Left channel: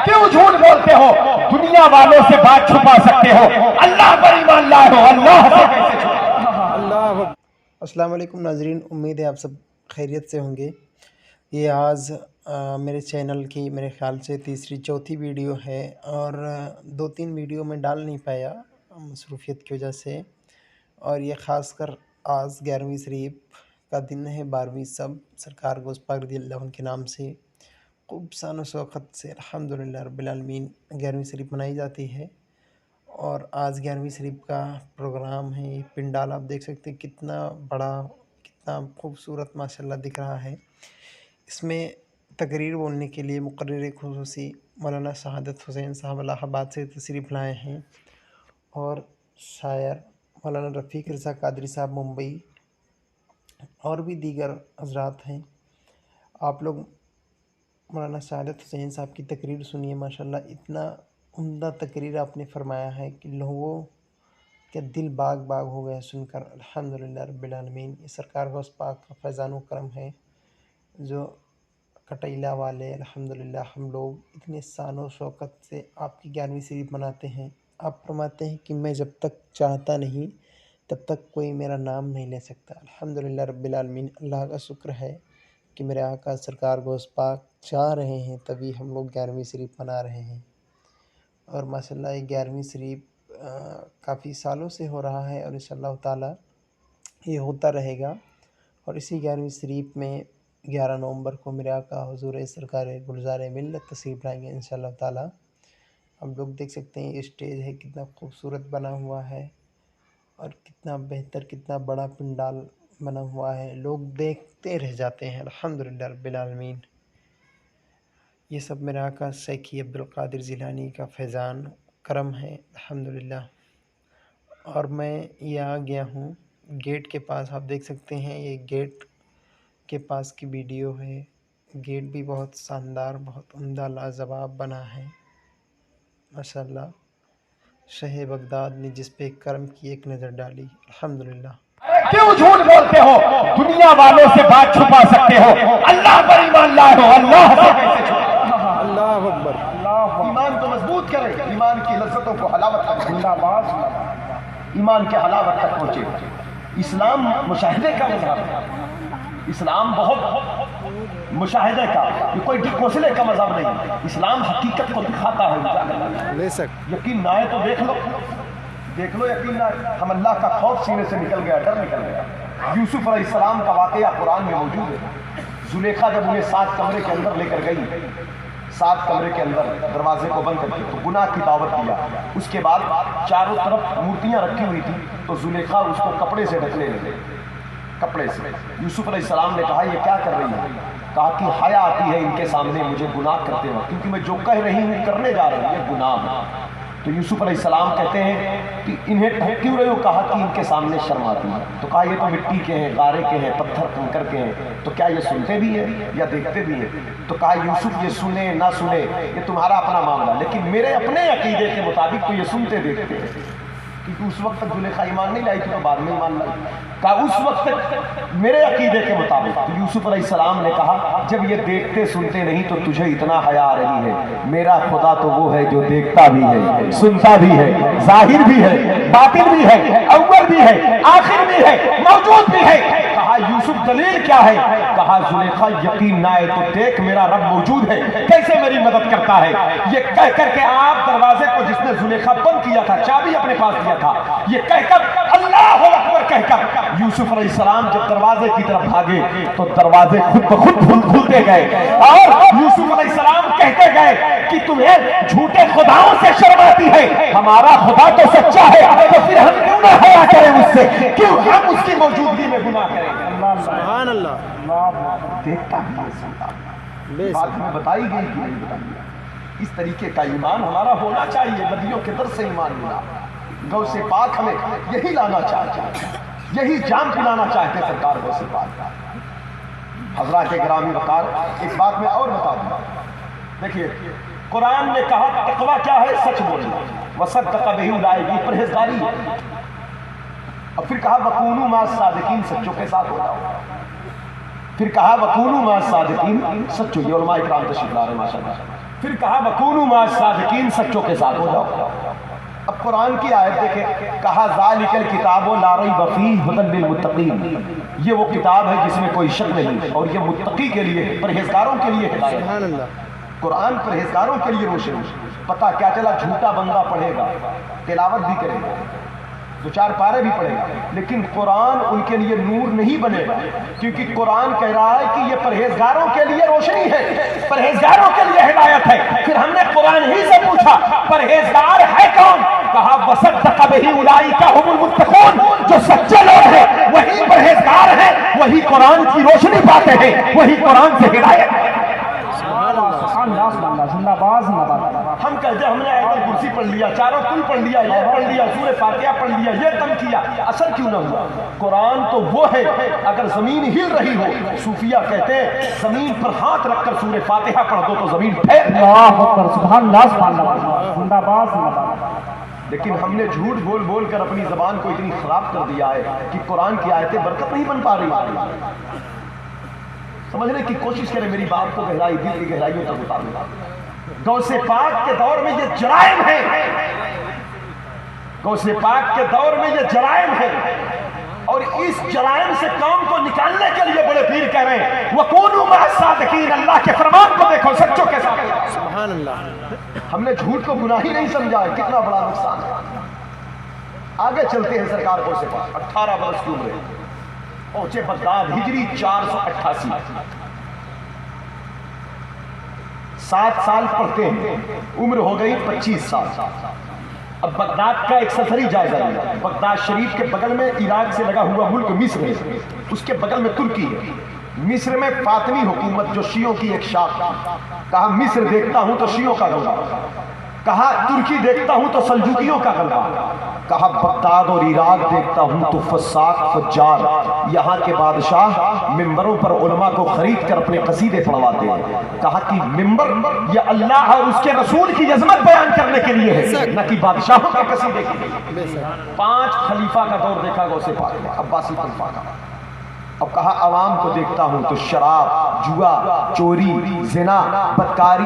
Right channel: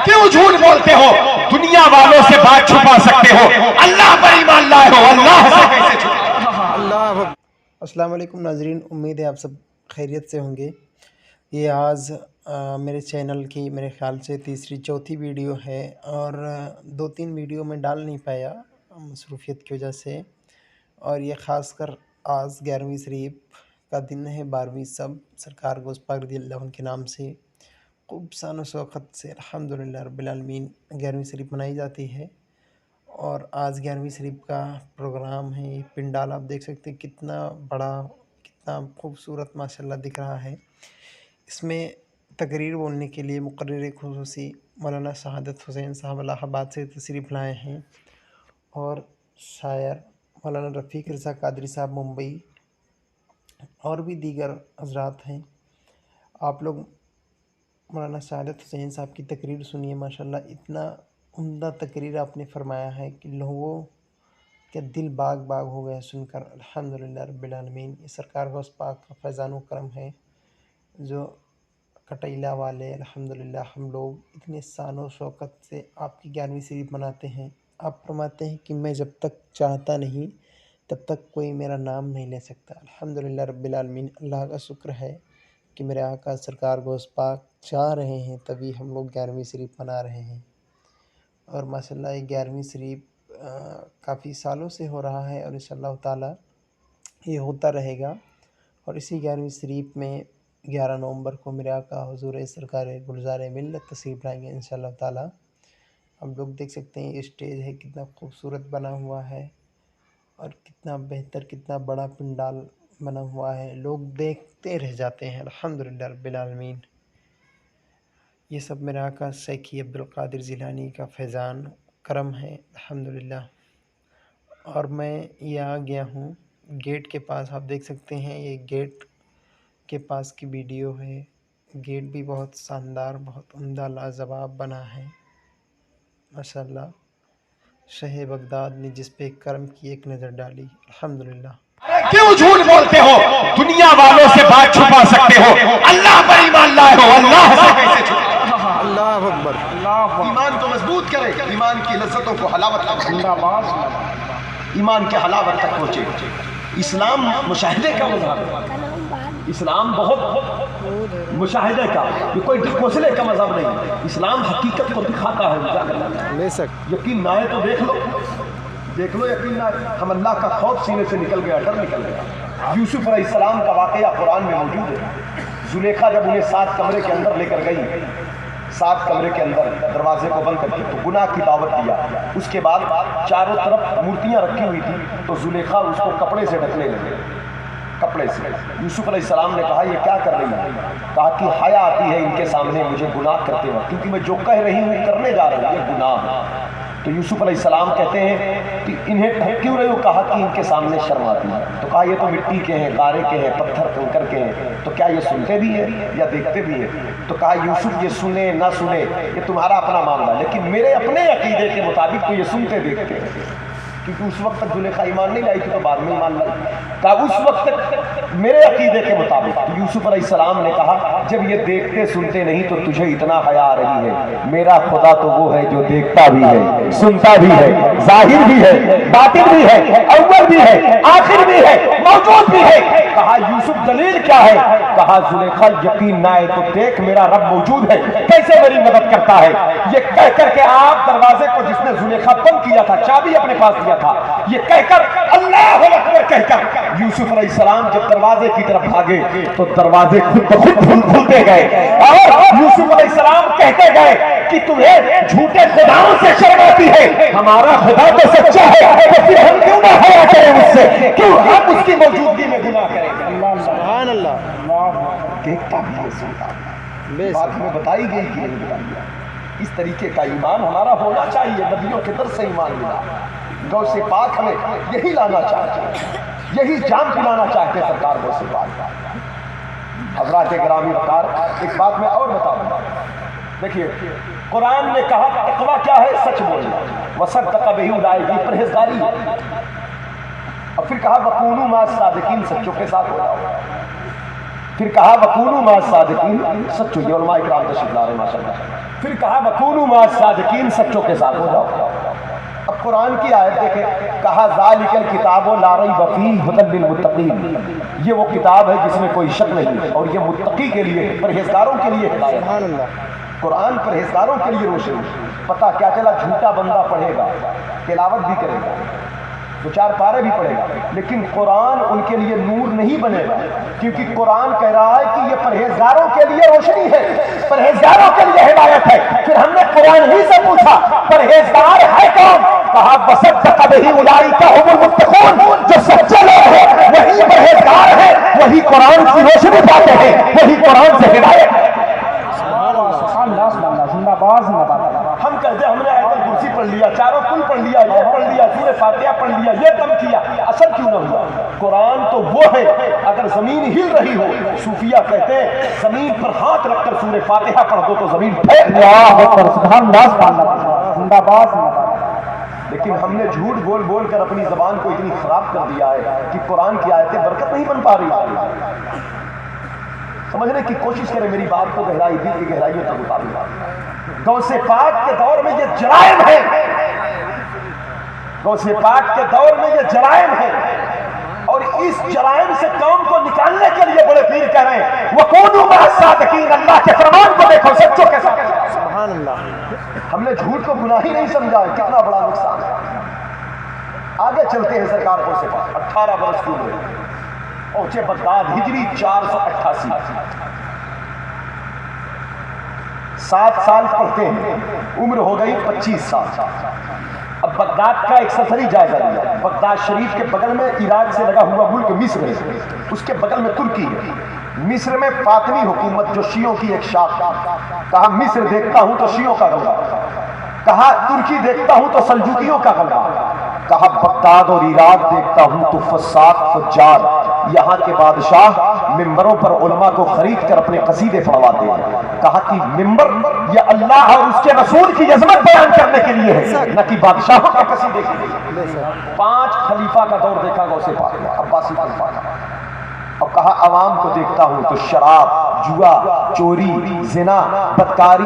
क्यों झूठ बोलते हो? दुनिया वालों से बात छुपा सकते हो, अल्लाह पर ईमान लाए हो, अल्लाह से कैसे छुपा? अल्लाह। अस्सलाम वालेकुम नाजरीन, उम्मीद है आप सब खैरियत से होंगे। ये आज मेरे चैनल की मेरे ख़्याल से तीसरी चौथी वीडियो है और 2-3 वीडियो में डाल नहीं पाया मसरूफ़ियत की वजह से। और ये ख़ासकर आज 11वीं शरीफ का दिन है, 12वीं सब सरकार गोश्त पाक रज़ियल्लाहु अन्हु के नाम से खूब शान शौकत से अल्हम्दुलिल्लाह रब्बिल आलमीन 11वीं शरीफ मनाई जाती है। और आज 11वीं शरीफ का प्रोग्राम है। ये पिंडाल आप देख सकते हैं कितना बड़ा, कितना खूबसूरत माशाल्लाह दिख रहा है। इसमें तकरीर बोलने के लिए मुक़र्रिर ख़ुसूसी मौलाना शहादत हुसैन साहब इलाहाबाद से तशरीफ़ लाए हैं और शायर मौलाना रफ़ीक रज़ा कादरी साहब मुंबई और भी दीगर हज़रात हैं। आप लोग मौलाना शहादत हुसैन साहब की तकरीर सुनिए। माशाल्लाह इतना उम्दा तकरीर आपने फ़रमाया है कि लोगों के दिल बाग बाग हो गए सुनकर। अल्हम्दुलिल्लाह रब्बिल आलमीन। ये सरकार गौस पाक का फैज़ान व करम है जो कटैला वाले अल्हम्दुलिल्लाह हम लोग इतने शान व शौकत से आपकी 11वीं शरीफ मनाते हैं। आप फरमाते हैं कि मैं जब तक चाहता नहीं तब तक कोई मेरा नाम नहीं ले सकता। अल्हम्दुलिल्लाह रब्बिल आलमीन। अल्लाह का शुक्र है कि मेरे आका सरकार गौस पाक चाह रहे हैं तभी हम लोग 11वीं शरीफ मना रहे हैं। और माशाल्लाह ये 11वीं शरीफ काफ़ी सालों से हो रहा है और इंशाअल्लाह ताला ये होता रहेगा। और इसी 11वीं शरीफ में 11 नवंबर को मेरे आका हुज़ूर सरकार गुलज़ार मिल्लत तशरीफ़ लाएंगे इंशाअल्लाह ताला। हम लोग देख सकते हैं ये स्टेज है कितना खूबसूरत बना हुआ है और कितना बेहतर, कितना बड़ा पंडाल बना हुआ है। लोग देखते रह जाते हैं अल्हम्दुलिल्लाह रब्बिल आलमीन। ये सब मेरे आका शेखी अब्दुल कादिर जिलानी का फैज़ान करम है अल्हम्दुलिल्लाह। और मैं ये आ गया हूँ गेट के पास। आप देख सकते हैं ये गेट के पास की वीडियो है। गेट भी बहुत शानदार, बहुत उम्दा, लाजवाब बना है माशाल्लाह। शहे बगदाद ने जिस पे करम की एक नज़र डाली अल्हम्दुलिल्लाह। क्यों झूठ बोलते हो? दुनिया वालों से बात छुपा सकते हो, अल्लाह पर ईमान लाए हो, अल्लाह से कैसे छुपा? अल्लाह अकबर। ईमान को मजबूत करे, ईमान की लज्जतों को हलावत तक पहुंचे, ईमान के हलावत तक पहुंचे। इस्लाम मुशाहिदे का मजहब है। इस्लाम बहुत मुशाहिदे का, ये कोई ढकोसले का मजहब नहीं। इस्लाम हकीकत को दिखाता है। ले सक यकीन ना आए तो देख लो, देख लो। यकीन ना आए, हम अल्लाह का खौफ सीने से निकल गया, डर निकल गया। यूसुफ अलैहिस्सलाम का वाक़या कुरान में मौजूद है। जुलेखा जब उन्हें 7 कमरे के अंदर लेकर गई, 7 कमरे के अंदर दरवाजे को बंद करके तो गुनाह की दावत दिया। उसके बाद चारों तरफ मूर्तियां रखी हुई थी तो जुलेखा उसको कपड़े से ढकने लगे, कपड़े से। यूसुफ अलैहिस्सलाम ने कहा ये क्या कर रही है? कहा कि हया आती है इनके सामने मुझे गुनाह करते वक्त, क्योंकि मैं जो कह रही हूँ करने जा रही हूँ ये गुनाह है। तो यूसुफ अलैहिस्सलाम कहते हैं कि इन्हें ढक क्यों रहे हो? कहा कि इनके सामने शर्म आती है। तो कहा ये तो मिट्टी के हैं, गारे के हैं, पत्थर कंकर के हैं, तो क्या ये सुनते भी हैं या देखते भी हैं? तो कहा यूसुफ ये सुने ना सुने ये तुम्हारा अपना मामला, लेकिन मेरे अपने अकीदे के मुताबिक तो ये सुनते देखते हैं, क्योंकि उस वक्त तक जुलेखा ईमान नहीं लाई थी तो बाद में ईमान लाई। कहा उस वक्त तक मेरे अकीदे के मुताबिक। तो यूसुफ अलैहिस्सलाम ने कहा जब ये देखते सुनते नहीं तो तुझे इतना हया आ रही है, मेरा खुदा तो वो है जो देखता भी है, सुनता भी है, जाहिर भी है, बातिन भी है, अव्वल भी है, आखिर भी है, मौजूद भी है। कहा यूसुफ दलील क्या है? कहा जुलेखा यकीन ना आए तो देख मेरा रब मौजूद है, कैसे मेरी मदद करता है। ये कह करके आप दरवाजे को जिसने जुलेखा बंद किया था, चाबी अपने पास दिया था, ये कहकर अल्लाह अकबर कहकर यूसुफ अलैहिस्सलाम जब दरवाजे की तरफ भागे तो दरवाजे खुद ब खुद खुलते गए और यूसुफ अलैहिस्सलाम कहते गए कि तुम्हें झूठे खुदाओं से शर्म आती है, हमारा खुदा तो सच्चा है, तो फिर हम क्यों ना हया करें उससे, क्यों हम उसकी मौजूदगी में गुनाह करें? सुभान अल्लाह। देखता भी है, सुनता ले बात सक में बताई गई कि नहीं बताई। इस तरीके का ईमान हमारा होना चाहिए। नबियों के दर से ईमान मिला, गौ से पाक हमें यही लाना चाहते, यही जान पिलाना चाहते सरकार गौ से पाक। हज़रात गिरामी वक़ार, एक बात मैं और बता दूँ। देखिए कुरान ने कहा तक़वा क्या है? सच बोलना, वसद्दक़ बिही उलाइका, परहेज़गारी। और फिर कहा वकूनू मा सादिकीन, सच्चों के साथ होगा। फिर कहा वकूनू मा सादिकीन, सच्चों। ये उलमा इकराम तशरीफ़ ला रहे हैं माशाअल्लाह। फिर कहा वकूनू मा सादिकीन, सच्चों के साथ हो जाओ। अब कुरान की आयत देखें, कहा ज़ालिकल किताबु ला रैब फीहि हुदल लिल मुत्तकीन, ये वो किताब है जिसमें कोई शक नहीं और ये मुत्तकी के लिए, परहेजगारों के लिए है। सुभान अल्लाह। कुरान परहेजगारों के लिए रोशनी। पता क्या चला, झूठा बंदा पढ़ेगा, तिलावत भी करेगा, 2-4 पारे भी पढ़ेगा, लेकिन कुरान उनके लिए नूर नहीं बनेगा, क्योंकि कुरान कह रहा है कि ये परहेजगारों के लिए रोशनी है, परहेजगारों के लिए हिदायत है। फिर हमने कुरान ही से पूछा परहेजगार है कौन? कहा वसद्दक़ बिही उलाइका हुमुल मुत्तक़ून, जो सच्चे लोग हैं वही परहेजगार है, वही कुरान की रोशनी पाते हैं, वही कुरान से हिदायत। हम कहते हमने आयतल कुर्सी पढ़ लिया, चारों कुल पढ़ लिया, ये पढ़ लिया, सूरह फातिहा पढ़ लिया, ये दम किया, असर क्यों न हुआ? कुरान तो वो है, अगर जमीन हिल रही हो, सूफिया कहते हैं जमीन पर हाथ रखकर सूरह फातिहा पढ़ दो तो जमीन लेकिन हमने झूठ बोल बोल कर अपनी जबान को इतनी खराब कर दिया है कि कुरान की आयतें बरकत नहीं बन पा रही। समझने की कोशिश करें, मेरी बात को गहराई, दिल की गहराइयों तक उतारूंगा। गौसे पाक के दौर में ये जराइम है, गौसे पाक के दौर में ये जराइम है, और इस जराइम से कौम को निकालने के लिए बड़े पीर कह रहे हैं वकूनू मा सादिकीन, अल्लाह के फरमान को देखो, सच्चों के साथ। सुभान अल्लाह। हमने झूठ को गुनाह ही नहीं समझा है, कितना बड़ा नुकसान है। आगे चलते हैं सरकार को से 18 वर्ष की उम्र पहुंचे बगदाद, हिजरी 488, 7 साल पढ़ते हैं, उम्र हो गई 25 साल। अब बगदाद का एक सफरी जायजा लिया। बगदाद शरीफ के बगल में इराक से लगा हुआ मुल्क मिस्र है, उसके बगल में तुर्की है। मिस्र में फातिमी हुकूमत जो शियों की एक शाख थी। कहा मिस्र देखता हूं तो शियों का गलबा, कहा तुर्की देखता हूं तो सल्जूकियों का गलबा, कहा बगदाद और इराक देखता हूं तो फसाद फज्जार, यहाँ के बादशाह मिंबरों पर उलमा को खरीद कर अपने कसीदे पढ़वाते हैं। कहा कि मिंबर या अल्लाह और उसके रसूल की अजमत बयान करने के लिए है, न कि बादशाहों के कसीदे के लिए। 5 खलीफा का दौर देखा गौसे पाक ने, अब्बासी खलीफा का। और कहा अवाम को देखता हूं तो शराब, जुआ, चोरी, जिना, बदकारी